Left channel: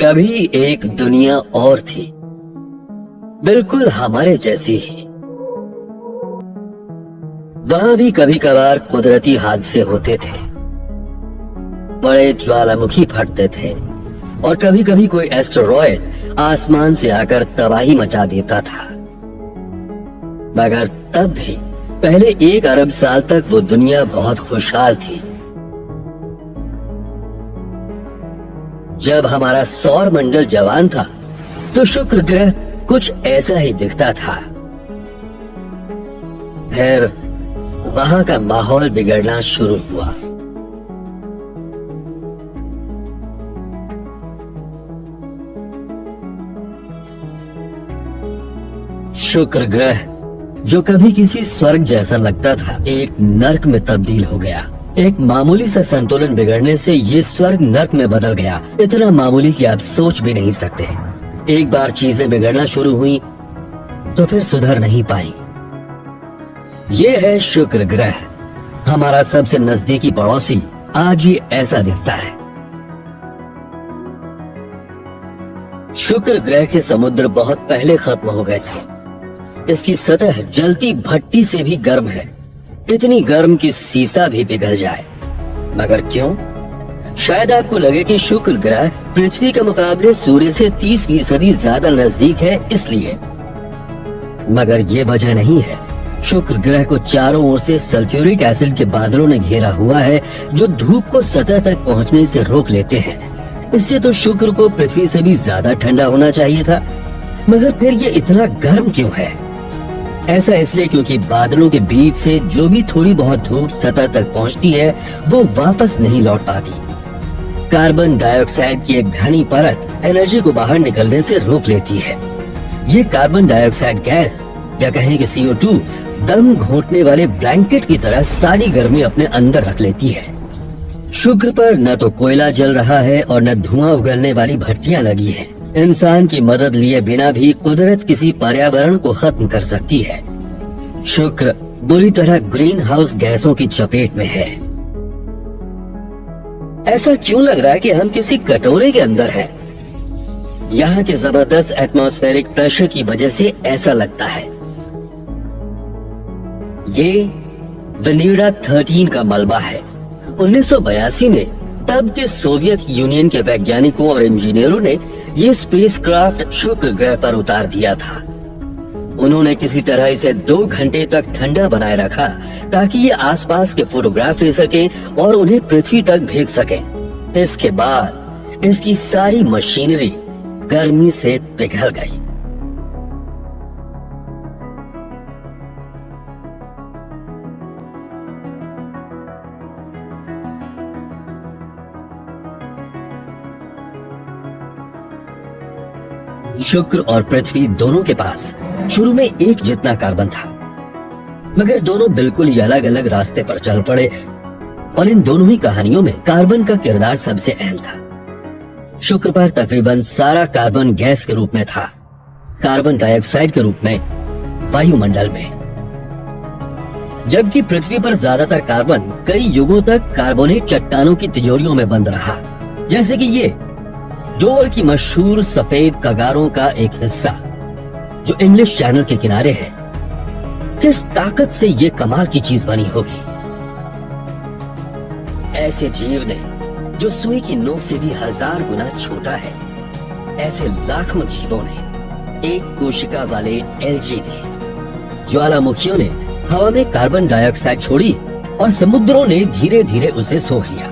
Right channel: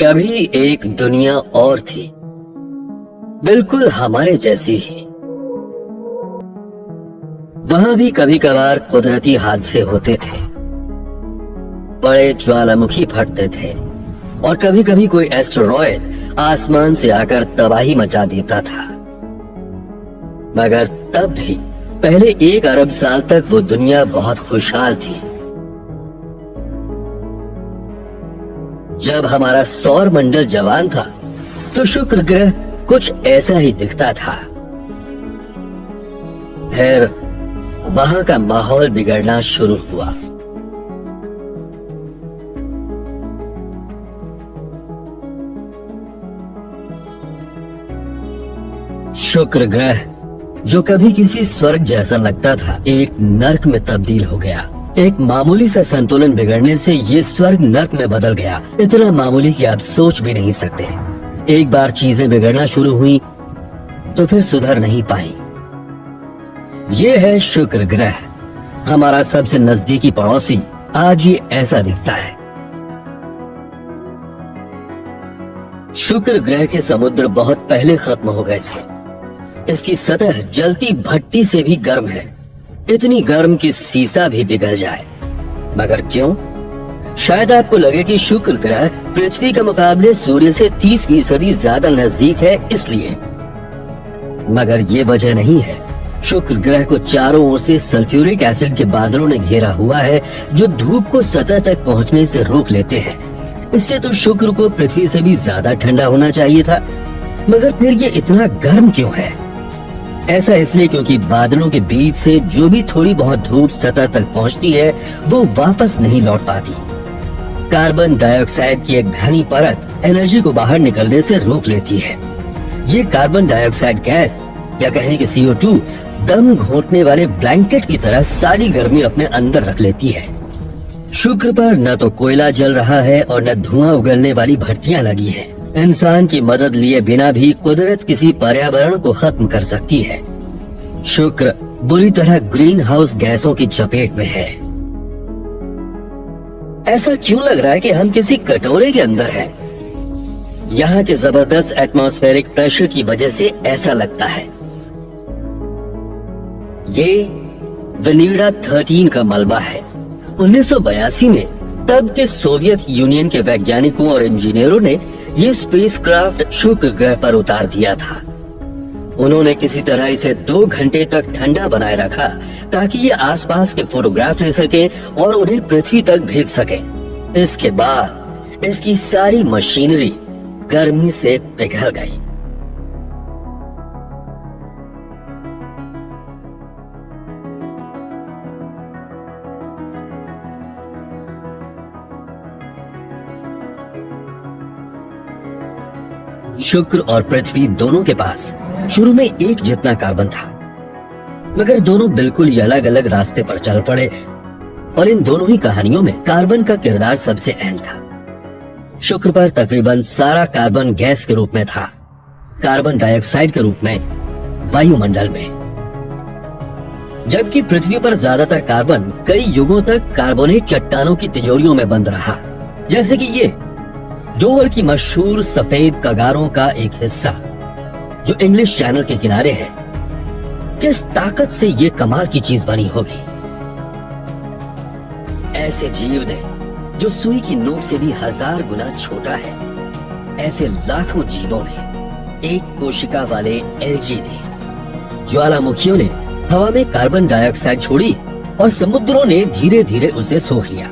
कभी एक दुनिया और थी, बिल्कुल हमारे जैसी ही। वहां भी कभी कभार कुदरती हादसे होते थे, बड़े ज्वालामुखी फटते थे और कभी कभी कोई एस्टेरॉयड आसमान से आकर तबाही मचा देता था। मगर तब भी पहले 1 अरब साल तक वो दुनिया बहुत खुशहाल थी। जब हमारा सौर मंडल जवान था तो शुक्र ग्रह कुछ ऐसा ही दिखता था। फिर वहां का माहौल बिगड़ना शुरू हुआ। शुक्र ग्रह जो कभी किसी स्वर्ग जैसा लगता था, एक नर्क में तब्दील हो गया। एक मामूली सा संतुलन बिगड़ने से ये स्वर्ग नर्क में बदल गया। इतना मामूली कि आप सोच भी नहीं सकते। एक बार चीजें बिगड़ना शुरू हुई तो फिर सुधर नहीं पाई। ये है शुक्र ग्रह, हमारा सबसे नजदीकी पड़ोसी। आज ये ऐसा दिखता है। शुक्र ग्रह के समुद्र बहुत पहले खत्म हो गए थे। इसकी सतह जलती भट्टी से भी गर्म है, इतनी गर्म कि सीसा भी पिघल जाए। मगर क्यों? शायद आपको लगे कि शुक्र ग्रह पृथ्वी के मुकाबले सूर्य से 30% ज्यादा नजदीक है, इसलिए। मगर ये वजह नहीं है। शुक्र ग्रह को चारों ओर से सल्फ्यूरिक एसिड के बादलों ने घेरा हुआ है, जो धूप को सतह तक पहुंचने से रोक लेते हैं। इससे तो शुक्र को पृथ्वी से भी ज्यादा ठंडा होना चाहिए था। मगर फिर ये इतना गर्म क्यों है? ऐसा इसलिए क्योंकि बादलों के बीच से जो भी थोड़ी बहुत धूप सतह तक पहुंचती है वो वापस नहीं लौट पाती। कार्बन डाइऑक्साइड की एक घनी परत एनर्जी को बाहर निकलने से रोक लेती है। ये कार्बन डाइऑक्साइड गैस, या कहें कि CO2, दम घोंटने वाले ब्लैंकेट की तरह सारी गर्मी अपने अंदर रख लेती है। शुक्र पर न तो कोयला जल रहा है और न धुआं उगलने वाली भट्टियां लगी है। इंसान की मदद लिए बिना भी कुदरत किसी पर्यावरण को खत्म कर सकती है। शुक्र बुरी तरह ग्रीन हाउस गैसों की चपेट में है। ऐसा क्यों लग रहा है कि हम किसी कटोरे के अंदर हैं? यहाँ के जबरदस्त एटमॉस्फेरिक प्रेशर की वजह से ऐसा लगता है। ये वेनेडा 13 का मलबा है। 1982 में तब के सोवियत यूनियन के वैज्ञानिकों और इंजीनियरों ने ये स्पेसक्राफ्ट शुक्र ग्रह पर उतार दिया था। उन्होंने किसी तरह इसे 2 घंटे तक ठंडा बनाए रखा ताकि ये आसपास के फोटोग्राफ ले सके और उन्हें पृथ्वी तक भेज सके। इसके बाद इसकी सारी मशीनरी गर्मी से पिघल गई। शुक्र और पृथ्वी दोनों के पास शुरू में एक जितना कार्बन था, मगर दोनों बिल्कुल ही अलग अलग रास्ते पर चल पड़े और इन दोनों ही कहानियों में कार्बन का किरदार सबसे अहम था। शुक्र पर तकरीबन सारा कार्बन गैस के रूप में था, कार्बन डाइऑक्साइड के रूप में वायुमंडल में, जबकि पृथ्वी पर ज्यादातर कार्बन कई युगों तक कार्बोनेट चट्टानों की तिजोरियों में बंद रहा। जैसे कि ये डोवर की मशहूर सफेद कगारों का एक हिस्सा जो इंग्लिश चैनल के किनारे है। किस ताकत से ये कमाल की चीज बनी होगी। ऐसे जीव ने जो सुई की नोक से भी 1000 गुना छोटा है, ऐसे लाखों जीवों ने, एक कोशिका वाले एल्गी ने, ज्वालामुखियों ने हवा में कार्बन डाइऑक्साइड छोड़ी और समुद्रों ने धीरे धीरे उसे सोख लिया।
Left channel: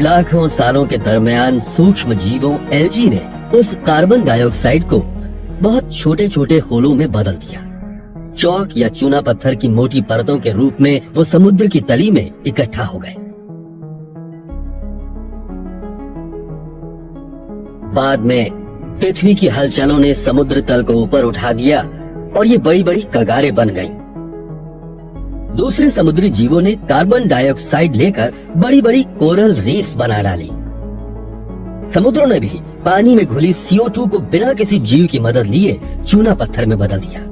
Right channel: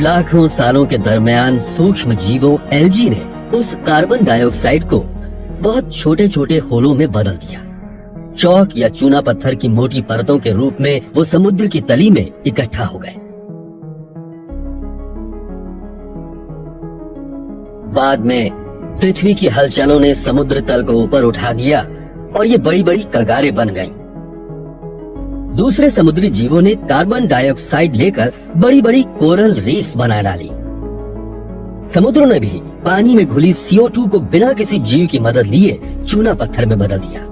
लाखों सालों के दरमियान सूक्ष्म जीवों एल्गी ने उस कार्बन डाइऑक्साइड को बहुत छोटे छोटे खोलों में बदल दिया। चौक या चूना पत्थर की मोटी परतों के रूप में वो समुद्र की तली में इकट्ठा हो गए। बाद में पृथ्वी की हलचलों ने समुद्र तल को ऊपर उठा दिया और ये बड़ी बड़ी कगारें बन गईं। दूसरे समुद्री जीवों ने कार्बन डाइऑक्साइड लेकर बड़ी बड़ी कोरल रीफ्स बना डाली। समुद्रों ने भी पानी में घुली CO2 को बिना किसी जीव की मदद लिए चूना पत्थर में बदल दिया।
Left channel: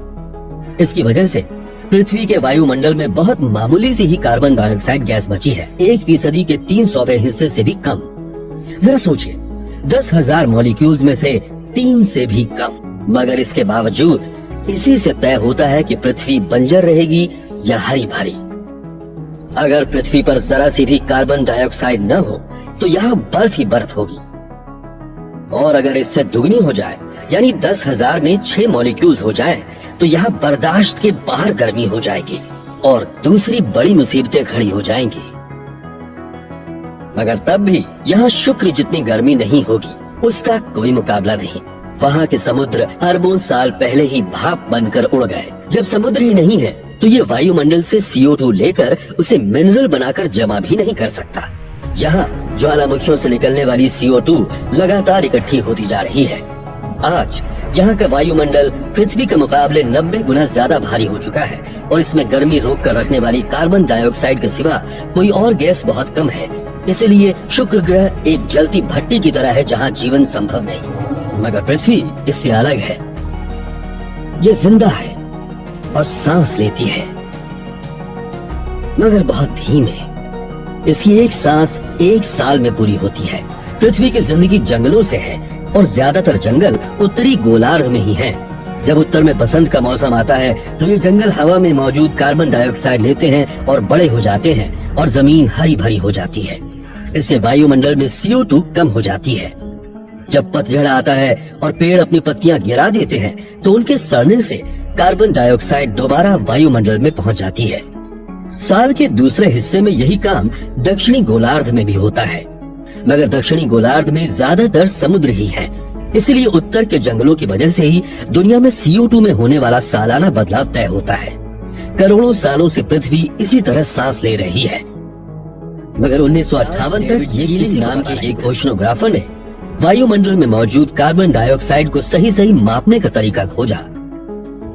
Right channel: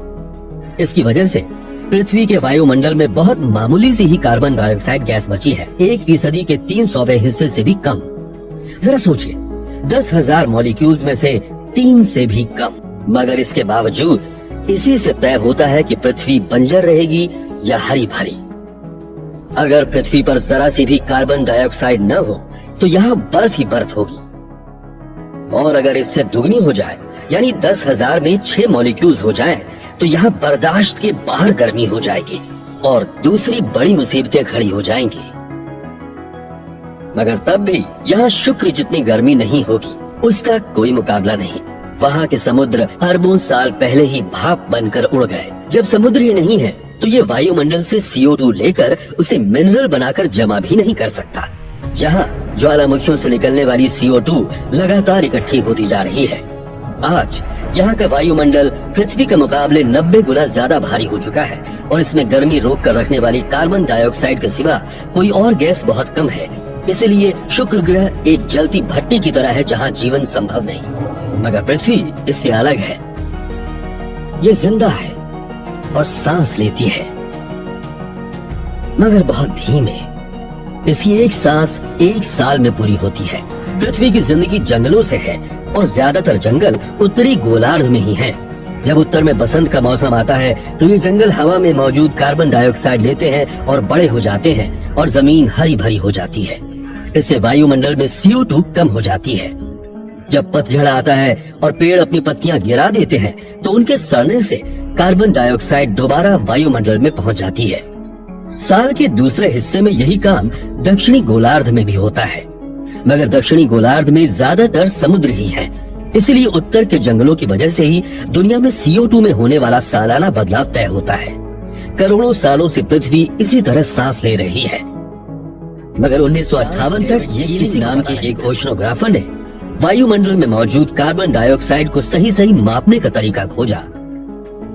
इसकी वजह से पृथ्वी के वायुमंडल में बहुत मामूली सी ही कार्बन डाइऑक्साइड गैस बची है, 1% के 300वें हिस्से से भी कम। जरा सोचिए, 10,000 मॉलिक्यूल्स में से 3 से भी कम। मगर इसके बावजूद इसी से तय होता है कि पृथ्वी बंजर रहेगी या हरी भरी। अगर पृथ्वी पर जरा से भी कार्बन डाइऑक्साइड न हो तो यहाँ बर्फ ही बर्फ होगी, और अगर इससे दुगनी हो जाए यानी 10,000 में 6 मॉलिक्यूल्स हो जाएं, तो यहाँ बर्दाश्त के बाहर गर्मी हो जाएगी और दूसरी बड़ी मुसीबतें खड़ी हो जाएंगी। मगर तब भी यहाँ शुक्र जितनी गर्मी नहीं होगी, उसका कोई मुकाबला नहीं। वहाँ के समुद्र अरबों साल पहले ही भाप बनकर उड़ गए। जब समुद्र ही नहीं है तो ये वायुमंडल से CO2 लेकर उसे मिनरल बनाकर जमा भी नहीं कर सकता। यहाँ ज्वालामुखियों से निकलने वाली CO2 लगातार इकट्ठी होती जा रही है। आज यहाँ का वायुमंडल पृथ्वी के मुकाबले 90 गुना ज्यादा भारी हो चुका है और इसमें गर्मी रोक कर रखने वाली कार्बन डाइऑक्साइड के सिवा कोई और गैस बहुत कम है। इसलिए शुक्र ग्रह एक जलती भट्टी की तरह है जहाँ जीवन संभव नहीं। मगर पृथ्वी इससे अलग है। ये जिंदा है और सांस लेती है, मगर बहुत धीमे। इसकी एक सांस 1 साल में पूरी होती है। पृथ्वी की जिंदगी जंगलों से है और ज्यादातर जंगल उत्तरी गोलार्ध में ही है। जब उत्तर में बसंत का मौसम आता है तो ये जंगल हवा में मौजूद कार्बन डाइऑक्साइड लेते हैं और बड़े हो जाते हैं और जमीन हरी भरी हो जाती है। इससे वायुमंडल में CO2 कम हो जाती है। जब पतझड़ आता है और पेड़ अपनी पत्तियां गिरा देते हैं तो उनके सड़ने से कार्बन डाइऑक्साइड दोबारा वायुमंडल में पहुंच जाती है। साल के दूसरे हिस्से में यही काम दक्षिणी गोलार्ध में भी होता है, मगर दक्षिणी गोलार्ध में ज्यादातर समुद्र ही है। इसलिए उत्तर के जंगलों की वजह से ही दुनिया में CO2 में होने वाला सालाना बदलाव तय होता है। करोड़ों सालों से पृथ्वी इसी तरह सांस ले रही है। मगर 1958 तक हीलिंग नाम के एक ओशनोग्राफर ने वायुमंडल में मौजूद कार्बन डाइऑक्साइड को सही सही मापने का तरीका खोजा।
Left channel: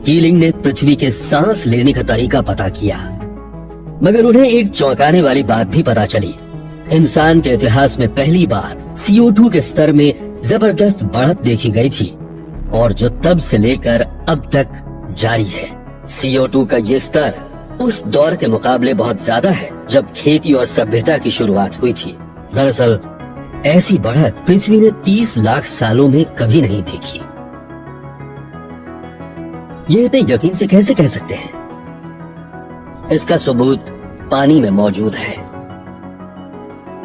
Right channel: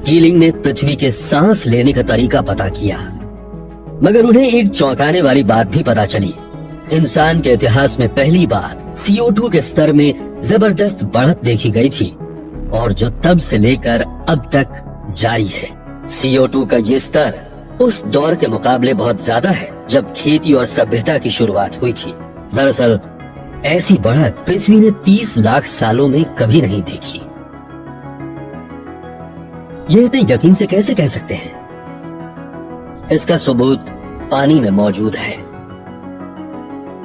हीलिंग ने पृथ्वी के सांस लेने का तरीका पता किया, मगर उन्हें एक चौंकाने वाली बात भी पता चली। इंसान के इतिहास में पहली बार CO2 के स्तर में जबरदस्त बढ़त देखी गई थी और जो तब से लेकर अब तक जारी है। CO2 का ये स्तर उस दौर के मुकाबले बहुत ज्यादा है जब खेती और सभ्यता की शुरुआत हुई थी। दरअसल ऐसी बढ़त पृथ्वी ने 30 लाख सालों में कभी नहीं देखी। ये इतने यकीन से कैसे कह सकते हैं? इसका सबूत पानी में मौजूद है।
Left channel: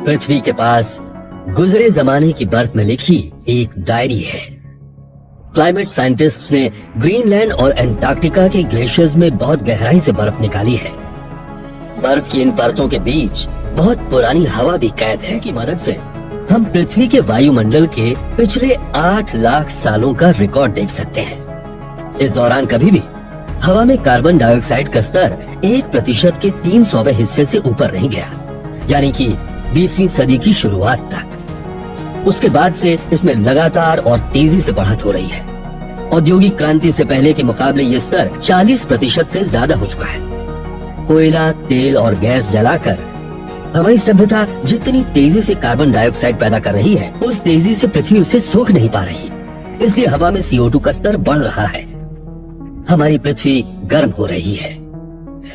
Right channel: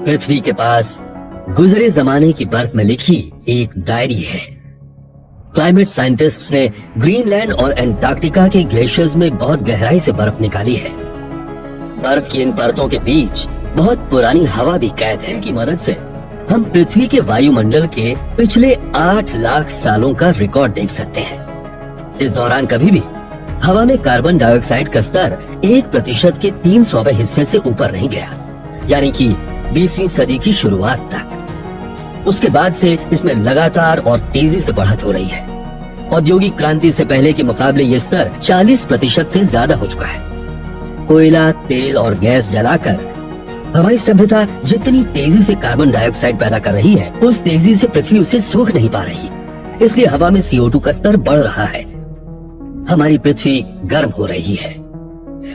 पृथ्वी के पास गुजरे जमाने की बर्फ में लिखी एक डायरी है। क्लाइमेट साइंटिस्ट्स ने ग्रीनलैंड और एंटार्क्टिका के ग्लेशियर्स में बहुत गहराई से बर्फ निकाली है। बर्फ की इन परतों के बीच बहुत पुरानी हवा भी कैद है की मदद से हम पृथ्वी के वायुमंडल के पिछले 8 लाख सालों का रिकॉर्ड देख सकते हैं। इस दौरान कभी भी हवा में कार्बन डाइऑक्साइड का स्तर 1% के 300वें हिस्से से ऊपर नहीं गया, यानी कि 20वीं सदी की शुरुआत तक। उसके बाद से इसमें लगातार और तेजी से बढ़त हो रही है। औद्योगिक क्रांति से पहले के मुकाबले ये स्तर 40% से ज्यादा हो चुका है। कोयला, तेल और गैस जलाकर हमारी सभ्यता जितनी तेजी से कार्बन डाइऑक्साइड पैदा कर रही है, उस तेजी से पृथ्वी उसे सोख नहीं पा रही। इसलिए हवा में CO2 का स्तर बढ़ रहा है। हमारी पृथ्वी गर्म हो रही है।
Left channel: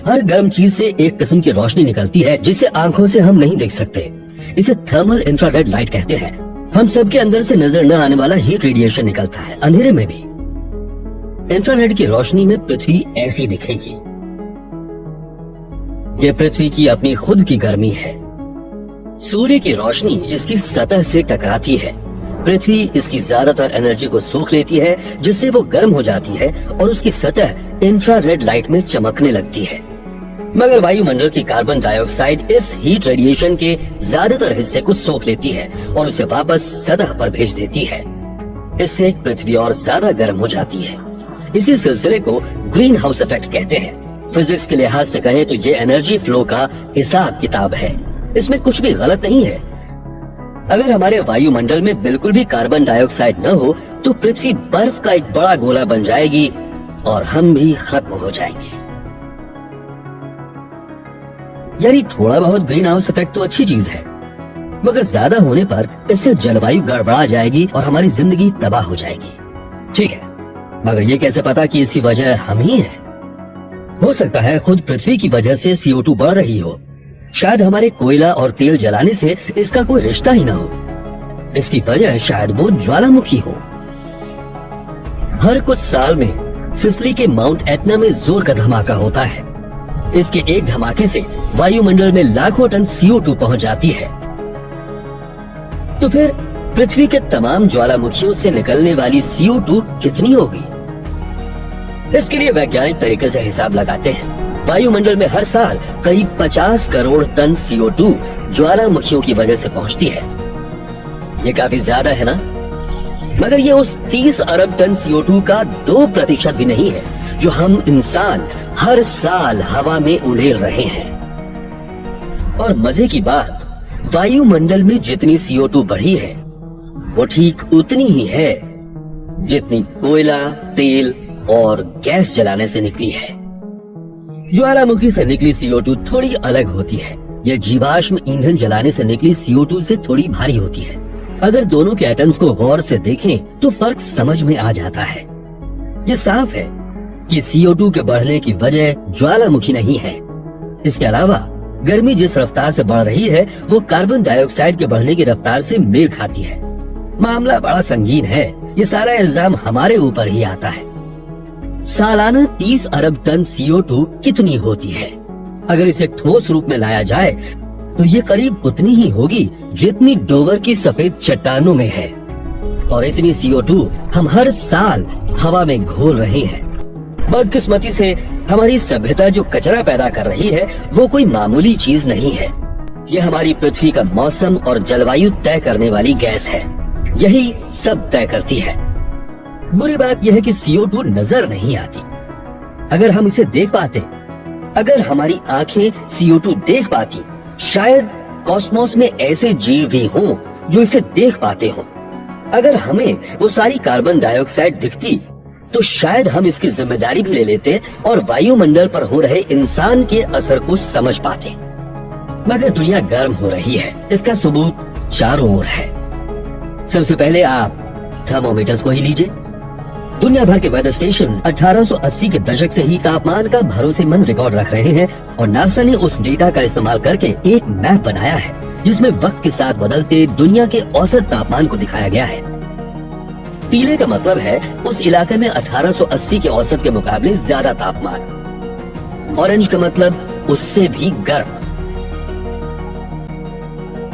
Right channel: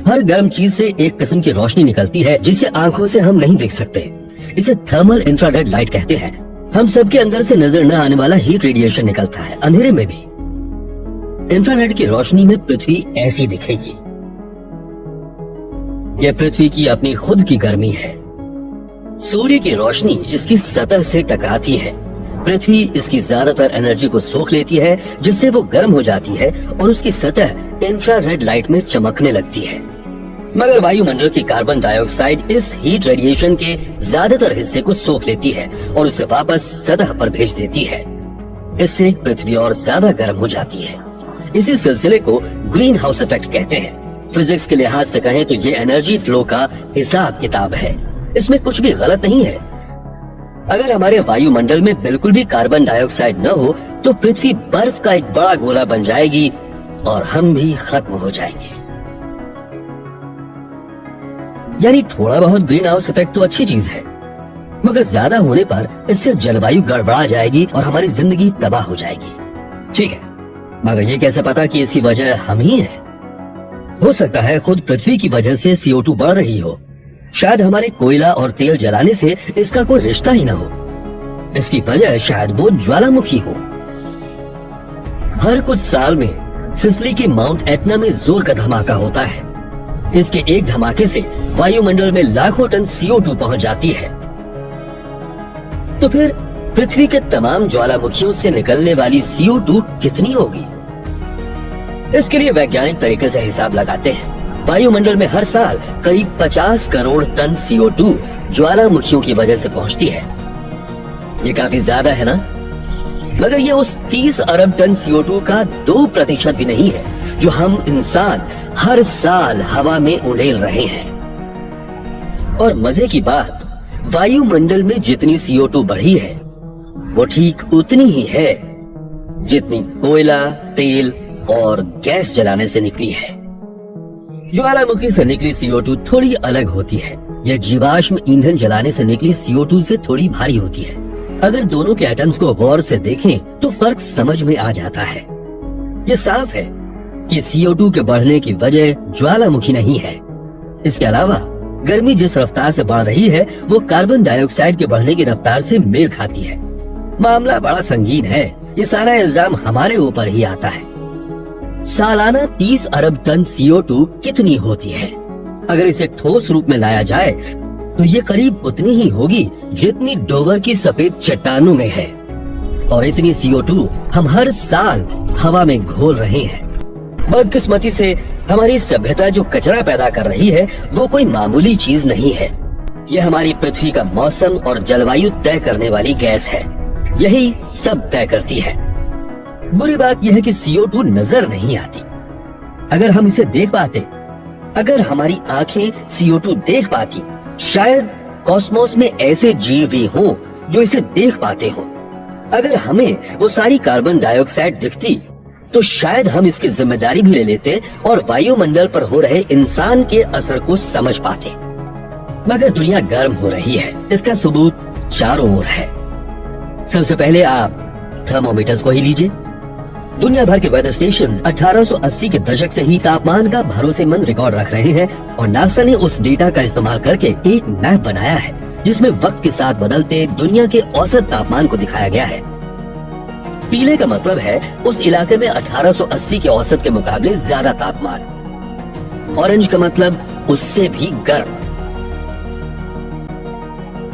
हर गर्म चीज से एक किस्म की रोशनी निकलती है जिसे आंखों से हम नहीं देख सकते। इसे थर्मल इंफ्रारेड लाइट कहते हैं। हम सबके अंदर से नजर न आने वाला हीट रेडिएशन निकलता है, अंधेरे में भी। इंफ्रारेड की रोशनी में पृथ्वी ऐसी दिखेगी। ये पृथ्वी की अपनी खुद की गर्मी है। सूर्य की रोशनी इसकी सतह से टकराती है। पृथ्वी इसकी ज्यादातर एनर्जी को सोख लेती है, जिससे वो गर्म हो जाती है और उसकी सतह इंफ्रारेड लाइट में चमकने लगती है। मगर वायुमंडल की कार्बन डाइऑक्साइड इस हीट रेडिएशन के ज्यादातर हिस्से को सोख लेती है और उसे वापस सतह पर भेज देती है। इससे पृथ्वी और ज्यादा गर्म हो जाती है। इसी सिलसिले को ग्रीन हाउस इफेक्ट कहते हैं। फिजिक्स के लिहाज से कहें तो ये एनर्जी फ्लो का हिसाब किताब है। इसमें कुछ भी गलत नहीं है। अगर हमारे वायुमंडल में बिल्कुल भी कार्बन डाइऑक्साइड न हो तो पृथ्वी बर्फ का एक बड़ा गोला बन जाएगी और हम भी खत्म हो जाएंगे। यानी थोड़ा बहुत ग्रीन हाउस इफेक्ट तो अच्छी चीज है, मगर ज्यादा होने पर इससे जलवायु गड़बड़ा जाएगी और हमारी जिंदगी तबाह हो जाएगी। ठीक है, मगर ये कैसे पता कि इसकी वजह हम ही हैं? हो सकता है खुद पृथ्वी की वजह से CO2 बढ़ रही हो। शायद हमारे कोयला और तेल जलाने से इसका कोई रिश्ता ही ना हो। इसकी वजह शायद वो ज्वालामुखी हो। हर कुछ साल में सिसिली के माउंट एटना में जोर का धमाका होता है। इसके एक धमाके से वायुमंडल में लाखों टन CO2 पहुंच जाती है। तो फिर पृथ्वी के तमाम ज्वालामुखियों से निकलने वाली CO2 कितनी होगी? इसके लिए वैज्ञानिक तरीके से हिसाब लगाते हैं। वायुमंडल में हर साल करीब 50 करोड़ टन CO2 ज्वालामुखियों की वजह से पहुंचती है। ये काफी ज्यादा है ना? मगर ये उस 30 अरब टन CO2 का 2% भी नहीं है जो हम इंसान हर साल हवा में उड़ेल रहे हैं। और मजे की बात, वायुमंडल में जितनी CO2 बढ़ी है वो ठीक उतनी ही है जितनी कोयला, तेल और गैस जलाने से निकली है। ज्वालामुखी से निकली CO2 थोड़ी अलग होती है। यह जीवाश्म ईंधन जलाने से निकली CO2 से थोड़ी भारी होती है। अगर दोनों के एटम्स को गौर से देखें तो फर्क समझ में आ जाता है। ये साफ है कि CO2 के बढ़ने की वजह ज्वालामुखी नहीं है। इसके अलावा गर्मी जिस रफ्तार से बढ़ रही है वो कार्बन डाइऑक्साइड के बढ़ने की रफ्तार से मेल खाती है। मामला बड़ा संगीन है। ये सारा इल्जाम हमारे ऊपर ही आता है। सालाना 30 अरब टन CO2 कितनी होती है? अगर इसे ठोस रूप में लाया जाए तो ये करीब उतनी ही होगी जितनी डोवर की सफेद चट्टानों में है। और इतनी CO2 हम हर साल हवा में घोल रहे हैं। बदकिस्मती से हमारी सभ्यता जो कचरा पैदा कर रही है वो कोई मामूली चीज नहीं है। यह हमारी पृथ्वी का मौसम और जलवायु तय करने वाली गैस है। यही सब तय करती है। बुरी बात यह है कि CO2 नजर नहीं आती। अगर हम इसे देख पाते, अगर हमारी आंखें CO2 देख पाती, शायद कॉस्मोस में ऐसे जीव भी हों जो इसे देख पाते हों। अगर हमें वो सारी कार्बन डाइऑक्साइड दिखती तो शायद हम इसकी जिम्मेदारी भी ले लेते और वायुमंडल पर हो रहे इंसान के असर को समझ पाते। मगर दुनिया गर्म हो रही है, इसका सबूत चारों ओर है। सबसे पहले आप थर्मोमीटर्स को ही लीजिए। दुनिया भर के वेदर स्टेशंस 1880 के दशक से ही तापमान का भरोसेमंद रिकॉर्ड रख रहे हैं और नासा ने उस डेटा का इस्तेमाल करके एक मैप बनाया है जिसमें वक्त के साथ बदलते दुनिया के औसत तापमान को दिखाया गया है। पीले का मतलब है उस इलाके में 1880 के औसत के मुकाबले ज्यादा तापमान। ऑरेंज का मतलब उससे भी गर्म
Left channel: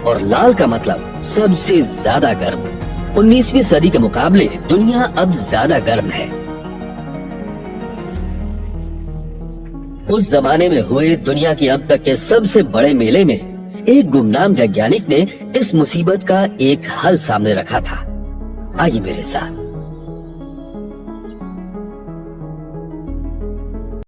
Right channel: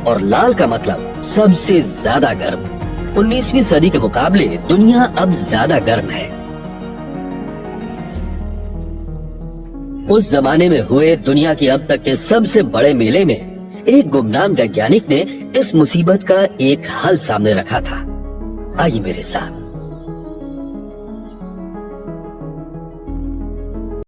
और लाल का मतलब सबसे ज्यादा गर्म। 19वीं सदी के मुकाबले दुनिया अब ज्यादा गर्म है। उस जमाने में हुए दुनिया के अब तक के सबसे बड़े मेले में एक गुमनाम वैज्ञानिक ने इस मुसीबत का एक हल सामने रखा था। आइए मेरे साथ।